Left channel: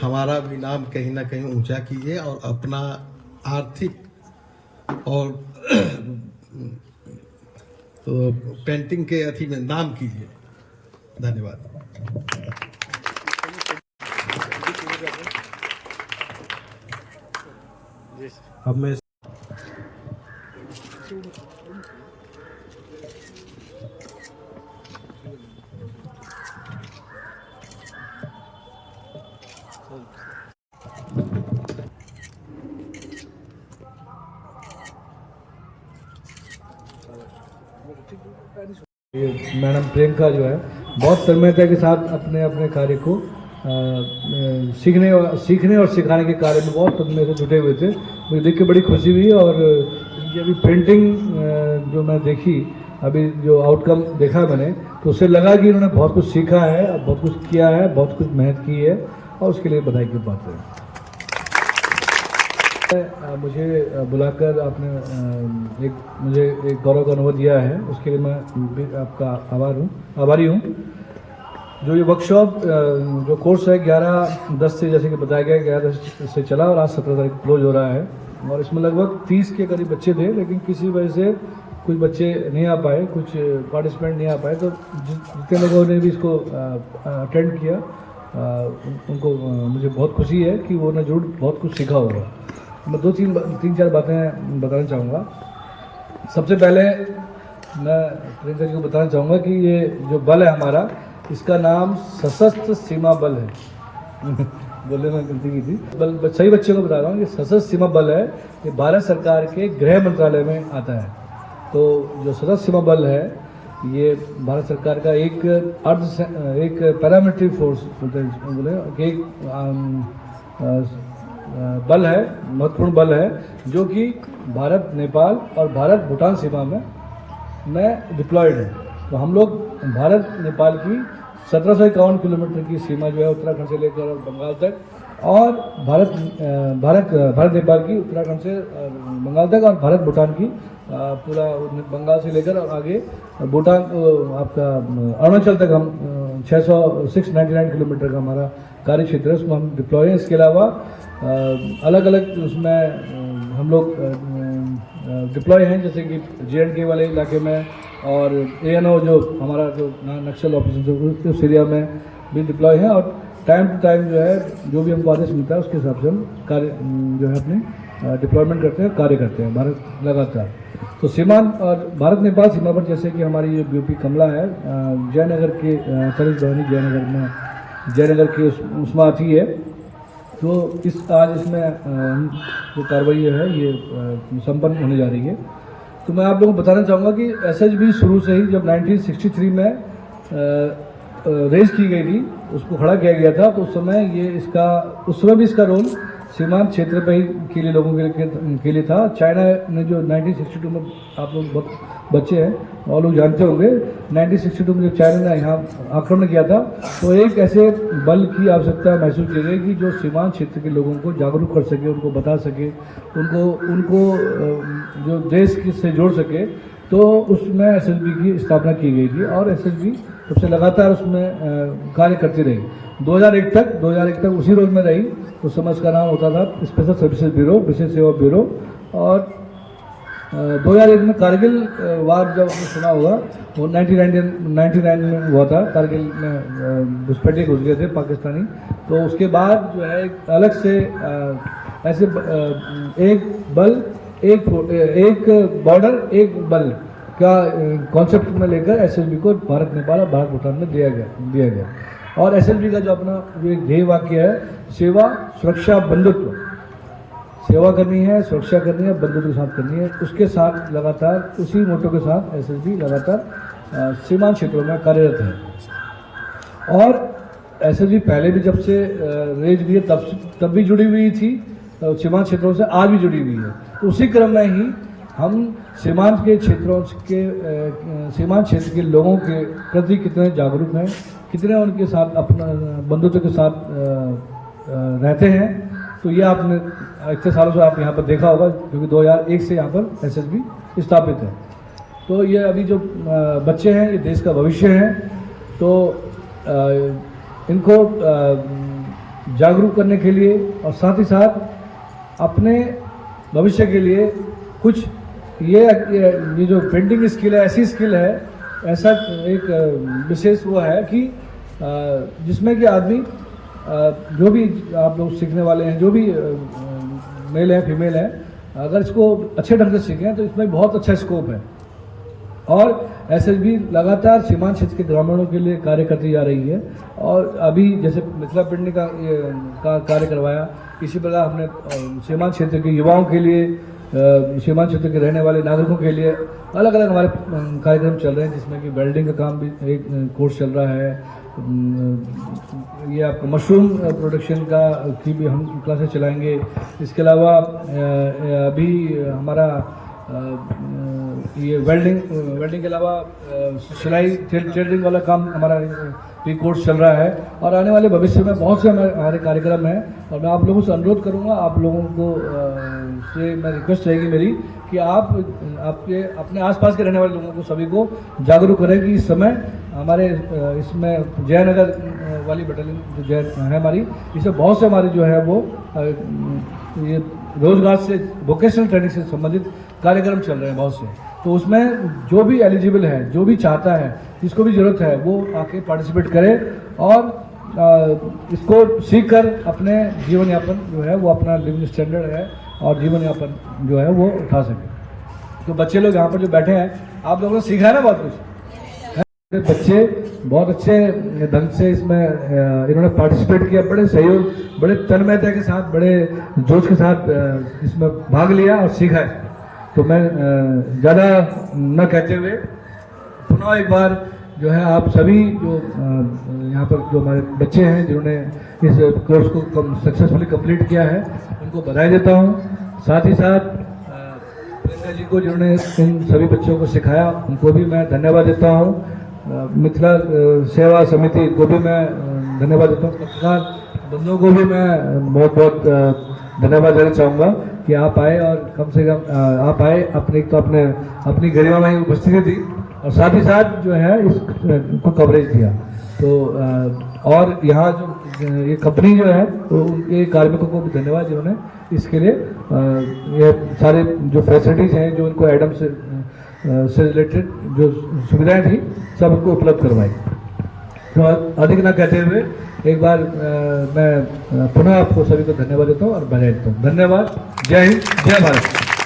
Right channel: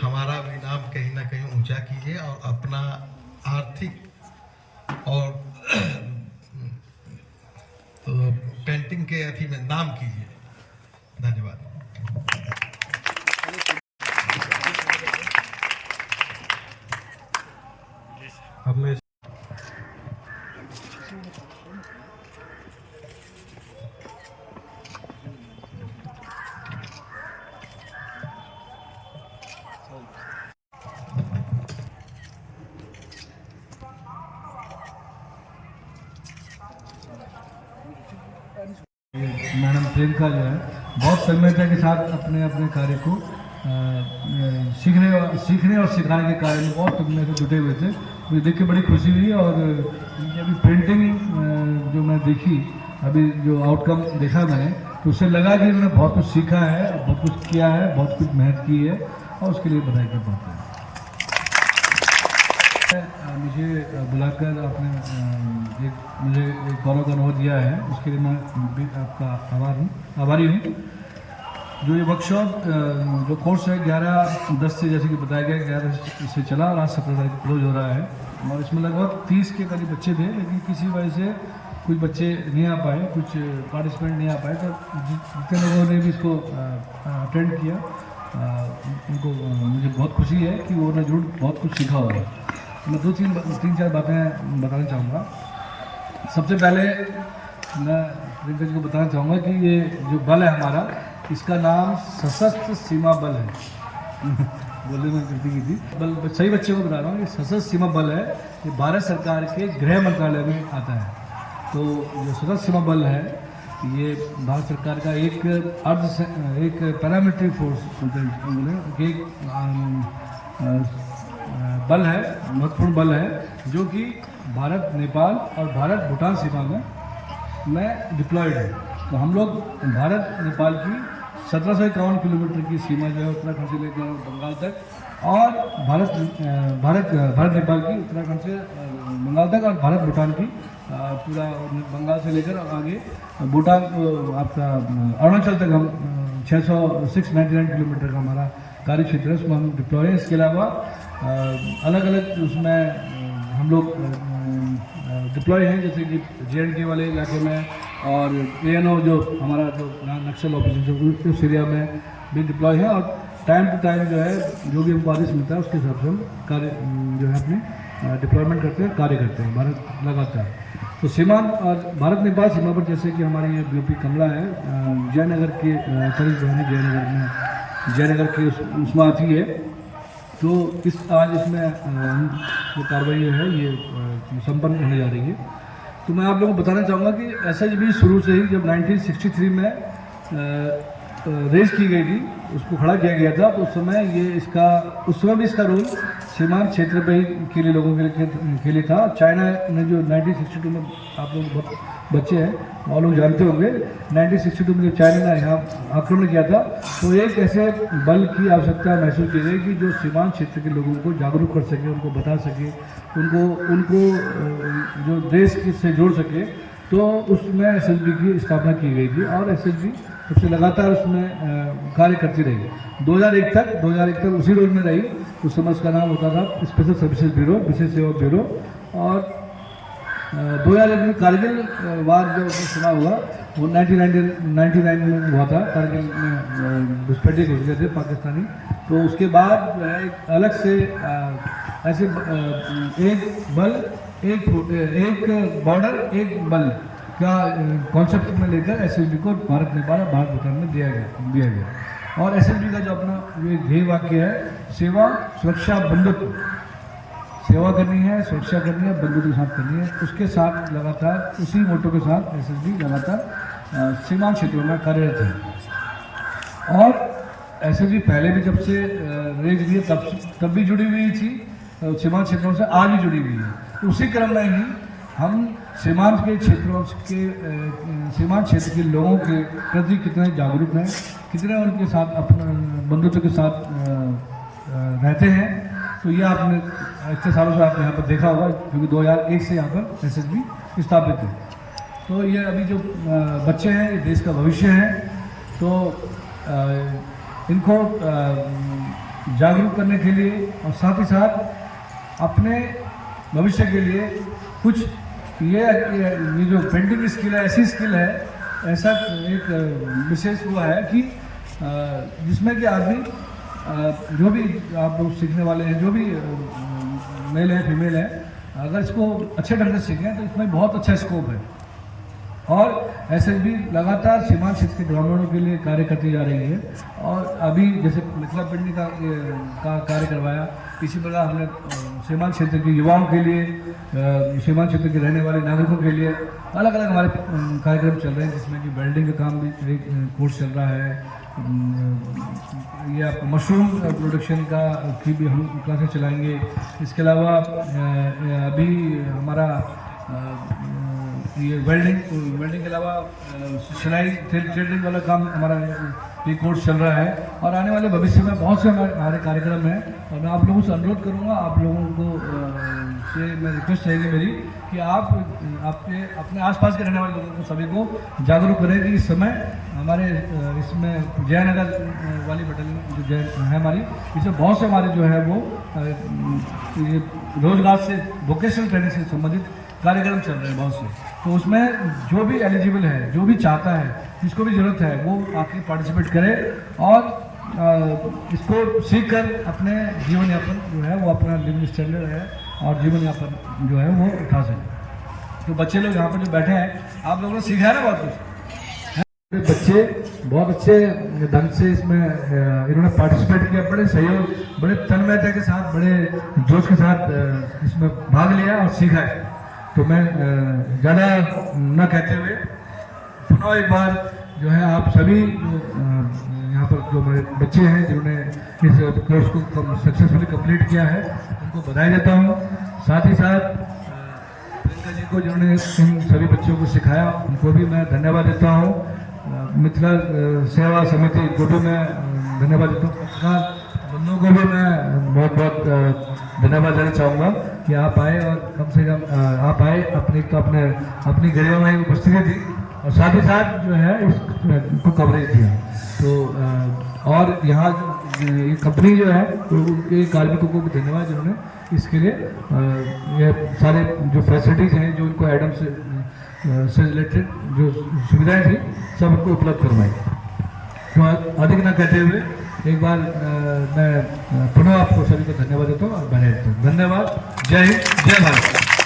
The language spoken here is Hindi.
हमारा भी नाम कहीं ना कहीं ऊंचा कीजिए और अपना आर्थिक और तो पेंटिंग के अथी में नाम कीजिए। धन्यवाद। अब मैं मैडम प्रियंका जो है बहुत तन्मयता के साथ अपने अपने कार्य को सीखने और सिखाने के कार्य में बहुत अपने से जुटे हुए थे। मुझे देख के बड़ी खुशी हुई और ये अभी पेंटिंग जो मैं देखी, अभी जो आउटकम देखा मैंने, तो उससे लगा कि उन्होंने बहुत कुछ सीखा है, बहुत कुछ किया है, बहुत कुछ मेहनत की है और उसके लिए बधाई की बात है। मुझे बुलाकर आपने मुझे एक गौरव का अनुभव दिया है, उसके लिए मैं आपका आभारी हूँ। जो ये वर्कशॉप जो कोर्स है 11-10 से, जैसे कि बताया गया 11 से चला और आज 17 तारीख क्लोज हो रहा है और इसमें लगभग 30 के करीब बच्चे थे, लेकिन किसी वजह से कुछ बच्चे नहीं आ पाए, कुछ पार्टिसिपेंट नहीं आ पाए, तो जितने लोगों ने भी इसको अटेंड किया उनको मुझे बहुत खुशी है कि वो ने जरूर बहुत कुछ सीखा होगा। मैं तीन चार बातें बताना चाहूँगा। सबसे पहले मैं प्रियंका जी को बताना चाहूँगा कि ये जो बल है हमारा, इसका नाम सशस्त्र सीमा बल है। बोलने में गलती की थी, सही बच्चे को बता रहा हूँ। ये सशस्त्र सीमा बल है, ये भारत सरकार के गृह मंत्रालय में आता है। तो जो सशस्त्र सीमा बल है ये भारत सरकार का एक पैरामिलिट्री फोर्स बोले एक बल है, महत्वपूर्ण बल है, जो कि भारत नेपाल और भारत भूटान सीमा में डिप्लॉयड है। तो हम लोग भारत नेपाल की 1751 किलोमीटर की सीमा जो है उत्तराखंड से लेकर बंगाल तक, और भारत नेपाल की उत्तराखंड से बंगाल तक, और भारत भूटान की पूरा बंगाल से लेकर आगे भूटान आपका अरुणाचल तक हम 699 किलोमीटर का हमारा कार्य क्षेत्र है, उसमें हम डिप्लॉय हैं। इसके अलावा अलग अलग उसमें हम लोग डिप्लॉय हैं, जैसे कि JNK वाले इलाके में, और ANO जो हमारा जो नक्सल ऑपरेशन उस एरिया में भी डिप्लॉय है। और टाइम टू टाइम जो है जो भी हमको आदेश मिलता है उसके हिसाब से हम कार्य जो है अपने डिप्लॉयमेंट करते हैं, कार्य करते हैं भारत लगातार। तो सीमा और भारत नेपाल सीमा पर जैसे कि हमारी ये यूपी कमला है, जयनगर के करीब जयनगर के उसमें आती है। तो आज इसमें जो कार्रवाई है ये संपन्न होने जा रही है। तो मैं आप लोगों को बताना चाहूँगा कि SHB शुरू से ही जब 1963 में रेज की गई थी, उसको खड़ा किया गया था, तो उस समय भी इसका रोल सीमांत क्षेत्र पे ही के लिए लोगों के लिए था। चाइना ने जो 1962 में, आप लोग बच्चे हैं और लोग जानते होंगे, 1962 में जब चाइना ने यहाँ आक्रमण किया था, तो एक ऐसे बल की आवश्यकता महसूस की गई कि जो सीमांत क्षेत्र के लोगों को जागरूक कर सके, उनको बता सके, उनको जो देश से जोड़ सके। तो उसमें SHB की स्थापना की गई थी और SHB उससे लगातार उसमें कार्य करती रही 2001 तक उसी रोल में रही। उस समय उसका नाम होता था स्पेशल सर्विसेज ब्यूरो, विशेष सेवा ब्यूरो। और 2001 में कारगिल वार जब सुना हुआ, वो 1999 में हुआ था। कारगिल में घुसपैठिए घुस गए थे पाकिस्तानी। तो उसके बाद जो है अलग से ऐसे एक बल एक बॉर्डर एक बल का कॉन्सेप्ट में लेकर SHB को भारत नेपाल और भारत भूटान में दिया गया। और SHB का जो अपना जो ध्येय वाक्य है, सेवा सुरक्षा बंधुत्व, सेवा करनी है, सुरक्षा करनी है, बंधुत्व के साथ करनी है। उसके साथ लगातार उसी मोटो के साथ SHB लगातार सीमांत क्षेत्रों में कार्यरत है। और SHB पहले भी जब से रेज भी तब भी जुड़ी हुई थी सीमांत क्षेत्रों से, आज भी जुड़ी हुई है। उसी क्रम में ही हम सीमांत क्षेत्र के लोगों के प्रति कितने जागरूक हैं, कितने उनके साथ अपना बंधुत्व के साथ रहते हैं। तो ये आपने इतने सालों से आप यहाँ पर देखा होगा, क्योंकि 2001 से यहाँ पर SHB स्थापित है। तो ये अभी जो बच्चे हैं ये देश का भविष्य है। तो इनको जागरूक करने के लिए और साथ ही साथ अपने भविष्य के लिए कुछ ये जो पेंटिंग स्किल है, ऐसी स्किल है, ऐसा एक विशेष वो है कि जिसमें कि आदमी जो भी आप लोग सीखने वाले हैं, जो भी मेल है फीमेल है, अगर इसको अच्छे ढंग से सीखें तो इसमें बहुत अच्छा स्कोप है। और एसएसबी लगातार सीमांत क्षेत्र के ग्रामीणों के लिए कार्य करती जा रही है। और अभी जैसे मिथिला पेंटिंग का कार्य करवाया, इसी प्रकार हमने सीमांत क्षेत्र के युवाओं के लिए, सीमांत क्षेत्र के रहने वाले नागरिकों के लिए अलग अलग हमारे कार्यक्रम चल रहे हैं, जिसमें कि वेल्डिंग का काम भी एक कोर्स चल रहा है। ये आपको मशरूम प्रोडक्शन की भी हम क्लासेस चलाएंगे। इसके अलावा अभी हमारा ये वेल्डिंग के अलावा सिलाई टेलरिंग वाला काम हमारा ये कोर्स चल रहा है। और आने वाले भविष्य में बहुत से हमारे कार्यक्रम हैं। और मैं आप लोगों से अनुरोध करूंगा, आप लोगों को से मैं रिक्वेस्ट रहेगी मेरी कि आप अपने आसपास के रहने वाले लोगों को सभी को जागरूक करें कि इस समय हमारे इसमें जयनगर वाली बटालियन जो जय है हमारी, इसमें बहुत से हमारे जो है वो ये रोजगार से, वोकेशनल ट्रेनिंग से संबंधित कार्यक्रम चल रहे हैं बहुत से। तो उसमें जो भी एलिजिबल है, जो भी चाहता है, जिसको भी ज़रूरत है, वो आके पार्टिसिपेट करे और इसको सीख कर अपने जीवन यापन जो है वो अपना लिविंग स्टैंडर्ड है और जीवन यापन जो है वो उठा सके। तो बच्चे लोग यहाँ पर जो बैठे हैं, आप लोगों ने सीखा है ना बहुत कुछ। बच्चे बहुत अच्छे ढंग से इसमें इन्होंने पार्टिसिपेट किया, बड़े सहयोग, बड़े तन्मयता के साथ, बड़े जोश के साथ इसमें भाग लिया और सीखा है। तो मैं ज़्यादा न कहते हुए पुनः एक बार जो है आप सभी जो यहाँ पर जो हमारे बच्चे हैं जिन्होंने इस कोर्स को सक्सेसफुली कंप्लीट किया है, उनको बधाई देता हूँ। साथ ही साथ प्रियंका जी को जिन्होंने इन सभी बच्चों को सिखाया, उनको भी मैं धन्यवाद देता हूँ। मिथिला सेवा समिति को भी मैं धन्यवाद देता हूँ। पत्रकार बंधुओं को भी मैं बहुत बहुत धन्यवाद देना चाहूँगा कि आप आए और कम से कम आप आए, अपनी गरिमामय उपस्थिति थी और साथ ही साथ जो है इसको कवरेज दिया। तो और यहाँ जो ये कंपनी जो है तो उनके कार्मिकों को भी धन्यवाद जिन्होंने इसके लिए ये सारे जो फैसिलिटीज़ हैं, जो इनको एडम से रिलेटेड जो सुविधाएं थी, सब उनको उपलब्ध करवाई। तो अधिक न कहते हुए एक बार मैं पुनः आपको सभी को धन्यवाद देता हूँ और बधाई देता हूँ। धन्यवाद। जय हिंद, जय भारत।